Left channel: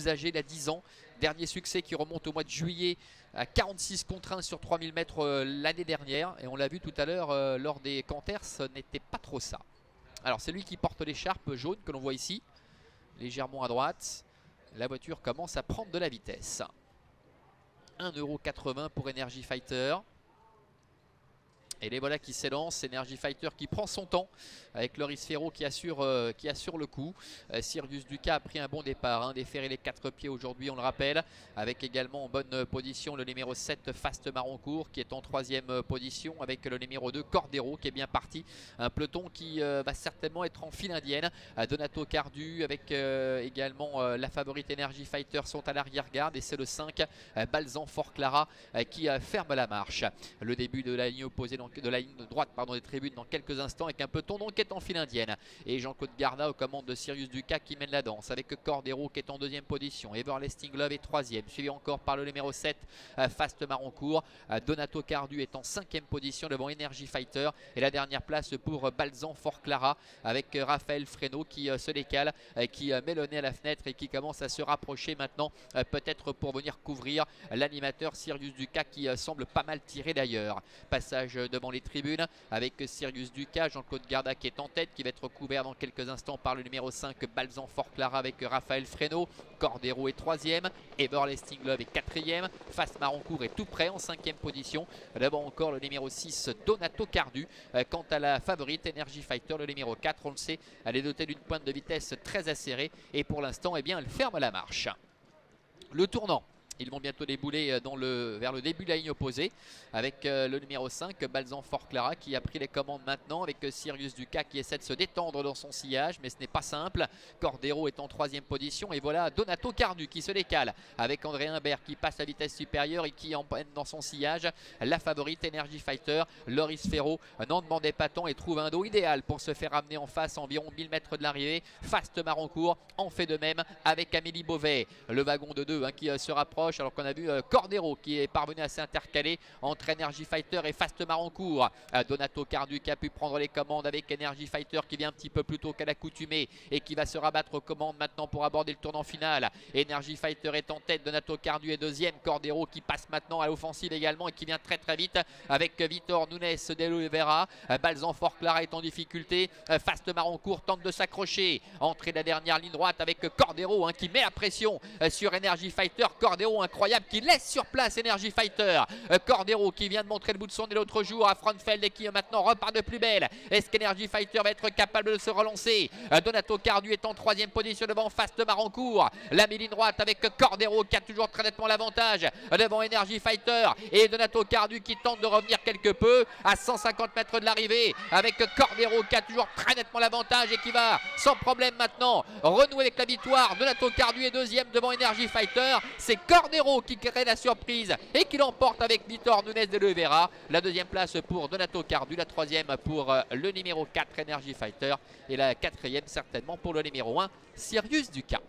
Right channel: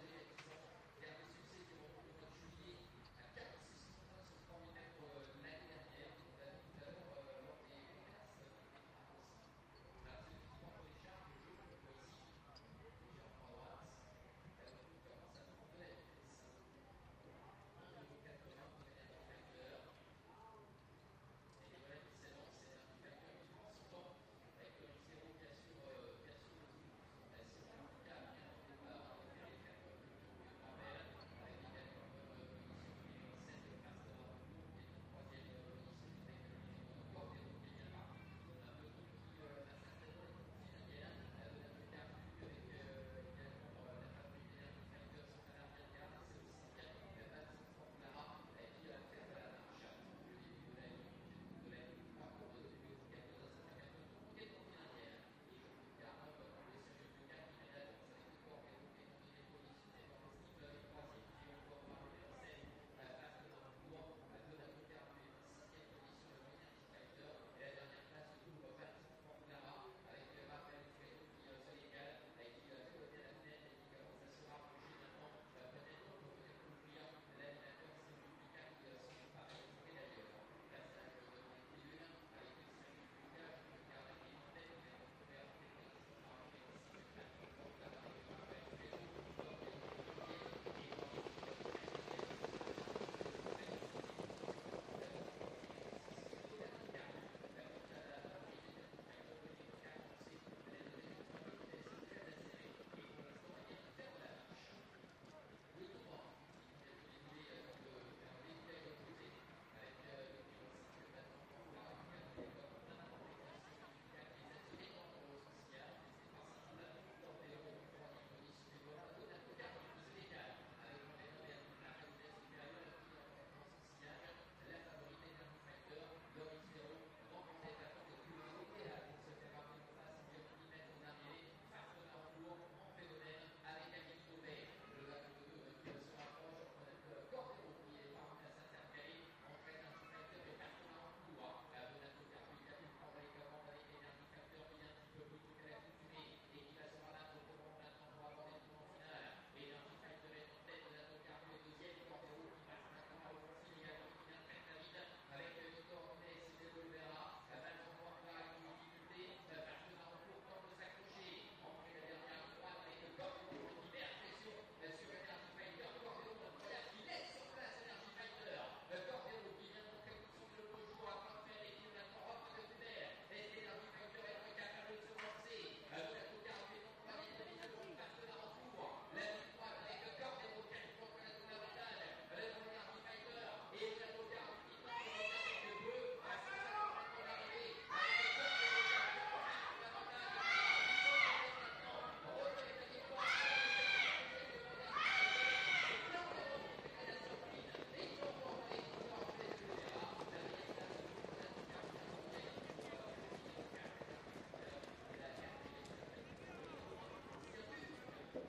plus âgé, il a 10 ans. Dernier succès qui remonte au mois de juillet à 46 contre 1 sur 3000 mètres l'année dernière. Et on l'a vu tout à l'heure lors des Canters, ce n'était pas trop ça. Alors c'est lui qui porte l'écharpe jaune que l'on voit ici, légèrement à droite. La voiture commence à prendre de la vitesse. 1,80 € pour Energy Fighter. Et les voilà qui s'élancent, Energy Fighter qui prend son temps avec Loris Ferro qui assure le coup. Sirius Ducas a pris un bon départ, hein, déféré les 4 pieds aujourd'hui, on le rappelle, avec également en bonne position le numéro 7 Fast Maroncourt qui est en 3e position, avec le numéro 2 Cordero qui est bien parti. Un peloton qui va certainement être en file indienne. Donato Cardu avec également la favorite Energy Fighter sont à l'arrière-garde, et c'est le 5 Balzan Fort Clara qui ferme la marche. Le début de la ligne opposée, de la ligne droite des tribunes dans quelques instants, avec un peloton donc qui est en file indienne, et Jean-Claude Garda aux commandes de Sirius Ducas qui mène la danse, avec Cordero qui est en 2e position, Everlasting Love est 3e, suivi encore par le numéro 7 Fast Maroncourt. Donato Cardu est en 5e position devant Energy Fighter, et la dernière place pour Balzan Fort Clara avec Raphaël Fresneau qui se décale, qui met le nez à la fenêtre et qui commence à se rapprocher maintenant, peut-être pour venir couvrir l'animateur Sirius Ducas qui semble pas mal tiré d'ailleurs. Passage devant les tribunes avec Sirius Ducas, Jean-Claude Garda qui est en tête, qui va être couvert dans quelques instants par le numéro 5 Balzan Fort Clara avec Raphaël Fresneau. Cordero est 3e, Everlasting Love est 4e, Fast Maroncourt est tout près en 5e position. D'abord encore le numéro 6 Donato Cardu. Quant à la favorite Energy Fighter, le numéro 4, on le sait, elle est dotée d'une pointe de vitesse très acérée, et pour l'instant eh bien, elle ferme la marche. Le tournant, ils vont bientôt débouler vers le début de la ligne opposée, avec le numéro 5 Balzan Fort Clara qui a pris les commandes maintenant, avec Sirius Ducas qui essaie de se détendre dans son sillage, mais ce n'est pas simple. Cordero est en 3e position, et voilà Donato Cardu qui se décale avec André Humbert qui passe à vitesse supérieure et qui emmène dans son sillage la favorite Energy Fighter. Loris Ferro n'en demandait pas tant et trouve un dos idéal pour se faire amener en face à environ 1000 mètres de l'arrivée. Fast Maroncourt en fait de même avec Amélie Beauvais, le wagon de 2 qui se rapproche, alors qu'on a vu Cordero qui est parvenu à s'intercaler entre Energy Fighter et Fast Maroncourt. Donato Cardu qui a pu prendre les commandes avec Energy Fighter qui vient un petit peu plus tôt qu'à l'accoutumée et qui va se rabattre aux commandes maintenant pour aborder le tournant final. Energy Fighter est en tête, Donato Cardu est 2e, Cordero qui passe maintenant à l'offensive également et qui vient très très vite avec Vitor Nunes de Oliveira. Balzan Fort Clara est en difficulté, Fast Maroncourt tente de s'accrocher, entrée de la dernière ligne droite avec Cordero qui met la pression sur Energy Fighter. Cordero incroyable qui laisse sur place Energy Fighter. Cordero qui vient de montrer le bout de son nez l'autre jour à Frauenfeld et qui maintenant repart de plus belle. Est-ce qu'Energy Fighter va être capable de se relancer? Donato Cardu est en 3e position devant Fast Maroncourt. La ligne droite avec Cordero qui a toujours très nettement l'avantage devant Energy Fighter, et Donato Cardu qui tente de revenir quelque peu à 150 mètres de l'arrivée avec Cordero qui a toujours très nettement l'avantage et qui va sans problème maintenant renouer avec la victoire. Donato Cardu est 2e devant Energy Fighter. C'est Cordero qui crée la surprise et qui l'emporte avec Vitor Nunes de Oliveira. La 2e place pour Donato Cardu, la 3e pour le numéro 4 Energy Fighter, et la 4e certainement pour le numéro 1 Sirius Ducas.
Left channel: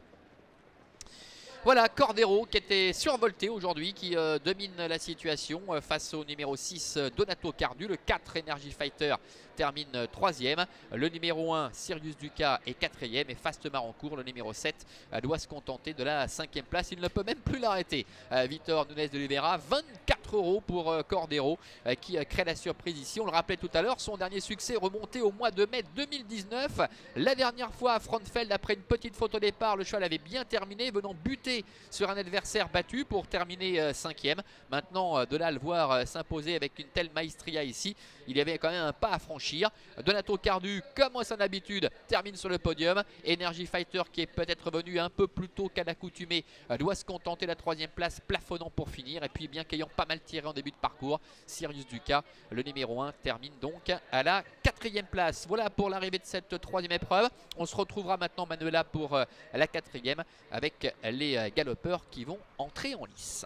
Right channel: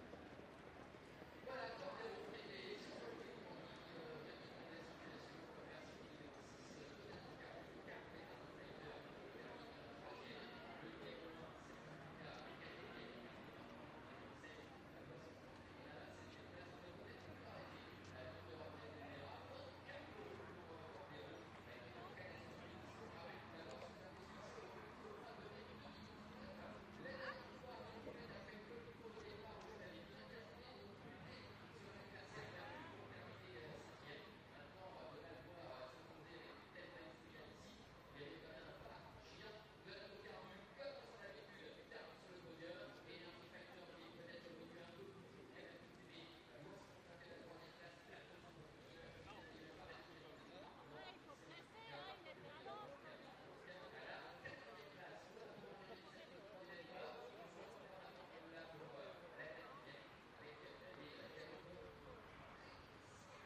Voilà Cordero qui était survolté aujourd'hui, qui domine la situation face au numéro 6 Donato Cardu. Le 4 Energy Fighter termine 3e. Le numéro 1 Sirius Ducas est 4e, et Fast Maroncourt, le numéro 7, doit se contenter de la 5e place. Il ne peut même plus l'arrêter. Vitor Nunes de Oliveira, 24 € pour Cordero qui crée la surprise ici. On le rappelait tout à l'heure, son dernier succès remonté au mois de mai 2019. La dernière fois à Frauenfeld, après une petite faute au départ, le cheval avait bien terminé, venant buter sur un adversaire battu pour terminer 5e. Maintenant, de là à le voir s'imposer avec une telle maestria ici, il y avait quand même un pas à franchir. Donato Cardu, comme à son habitude, termine sur le podium. Energy Fighter, qui est peut-être venu un peu plus tôt qu'à l'accoutumée, doit se contenter de la 3e place, plafonnant pour finir. Et puis, bien qu'ayant pas mal tiré en début de parcours, Sirius Ducas, le numéro 1, termine donc à la 4e place. Voilà pour l'arrivée de cette 3e épreuve. On se retrouvera maintenant, Manuela, pour la 4e avec les galopeurs qui vont entrer en lice.